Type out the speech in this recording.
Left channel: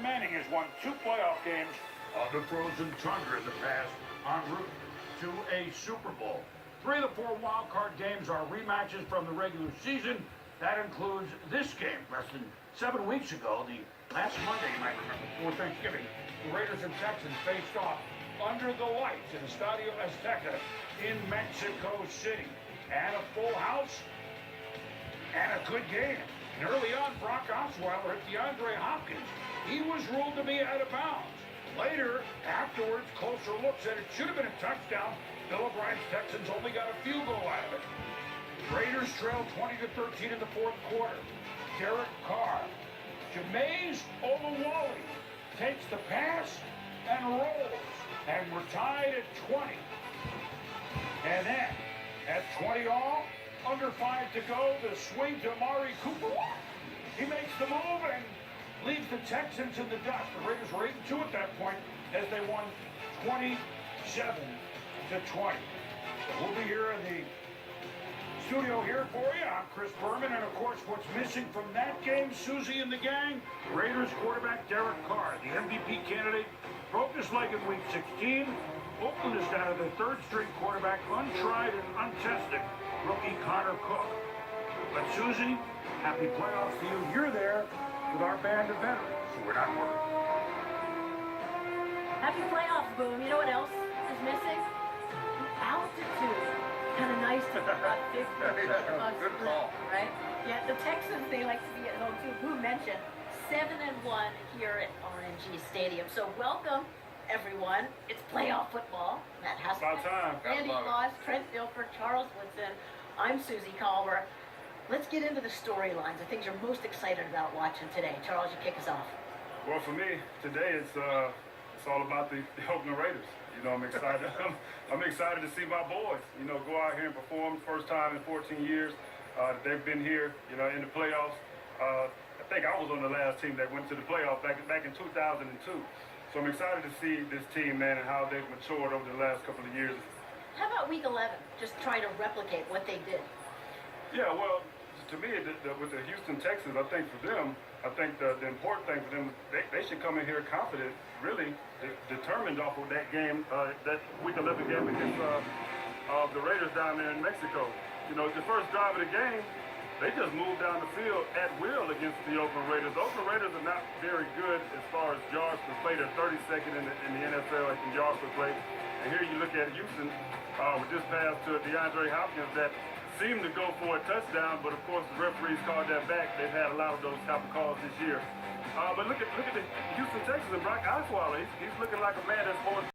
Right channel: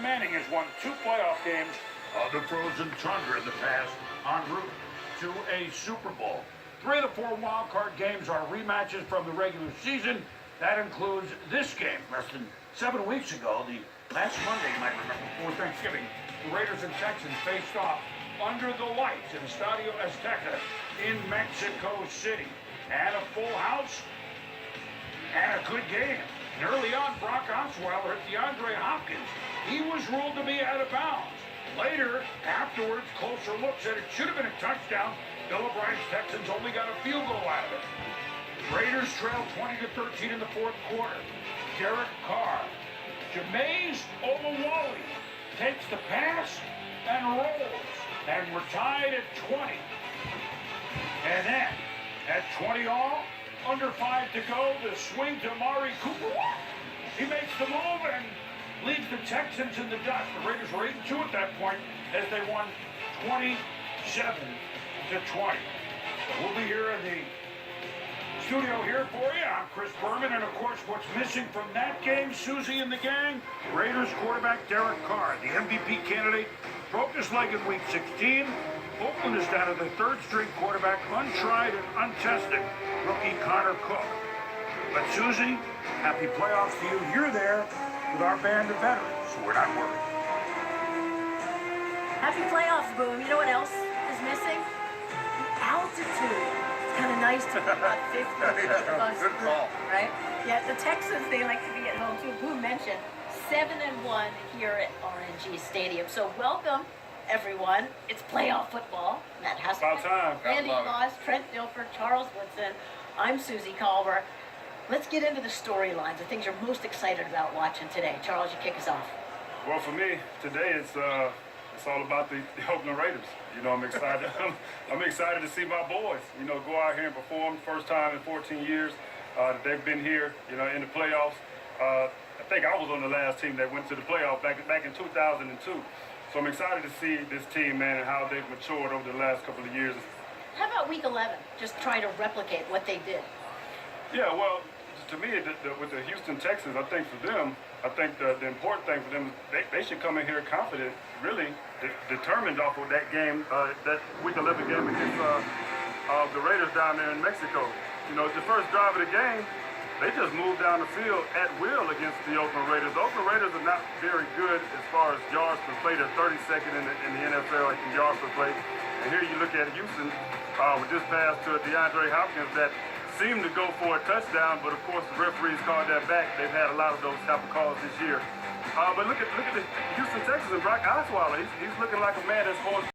Manning has won 2 playoff games on the frozen tundra in the past en route to a Super Bowl. 3 of the 4 wild-card games are rematches from the regular season. That includes this game less than 7 weeks ago, the last Monday, you might remember, before Thanksgiving. The Raiders and Texans faced off under the lights in Estadio Azteca in Mexico City. And a full house and a good game. And early on, Brock Osweiler hit DeAndre Hopkins. He was ruled to be out of bounds. Later, afterwards, closer look said it should have been a touchdown. Bill O'Brien's Texans only got a field goal out of it. Raiders trailed 20-13 in the 4th quarter. Derek Carr. Jameis Olawale takes the pass and rolls. And we're tied at 20. And then, at 20 all, under 5 to go, the swing to Amari Cooper. He makes the move and leads the Texans in the dust. The Raiders were 8-2 at that point as they won 27-20. So we'll be here in the studio here for you. I'm Chris Berman, and of course, what's missing from that game, Susie and the gang, Raiders quarterback Derek Carr, the MVP candidate, broke his leg in Week 16. Oakland is down to the 3rd-string quarterback, untried and untested rookie Connor Cook. But Susie, happy playoffs to you. You're there with our band of veterans, so we're not worried. Happy playoffs, Boom. You know what else is missing? Altitude. It's kind of nice to be about 50 above sea level, right? Yeah, the Texans, they like to be at home too. Boom mentioned 7-1 here at RNG Stadium. So welcome, everyone. It's playoff football. Matt Husband, Randy Moss, Trent Dilfer, Charles Woodson. I'm Susie Culver. Let's get into the storylines, the things you're most excited about watching today. Charles, you kick us off. Well, for me, today it's all about the Oakland Raiders. You know, I'm excited. I'm excited to see my boys, you know, go out here and perform. First time in 14 years they've been here, you know, in the playoffs. I think I was on the last team that went to the playoffs back in 2002. So I'm excited to see this team, man, and how they've matured over the last couple of years. How about Week 11? Just trying to replicate what they did. Yeah, well, to me, with the Houston Texans, I think for them, the important thing for them is they should come in here confident, really determined off of that game, that Week 11 game against the Raiders down there in Mexico. You know, the first drive of the game, they just moved down the field at will against the Oakland Raiders. The Oakland Raiders are not very good as far as yards per play. They're 32nd in the NFL in yards per play. And here you look at Houston with this pass to DeAndre Hopkins that seemed to go for a touchdown, but of course the referees called that back. They've had a lot of those type of calls this year. But look at the Houston Texans and Brock Osweiler. He's looking like a man that's going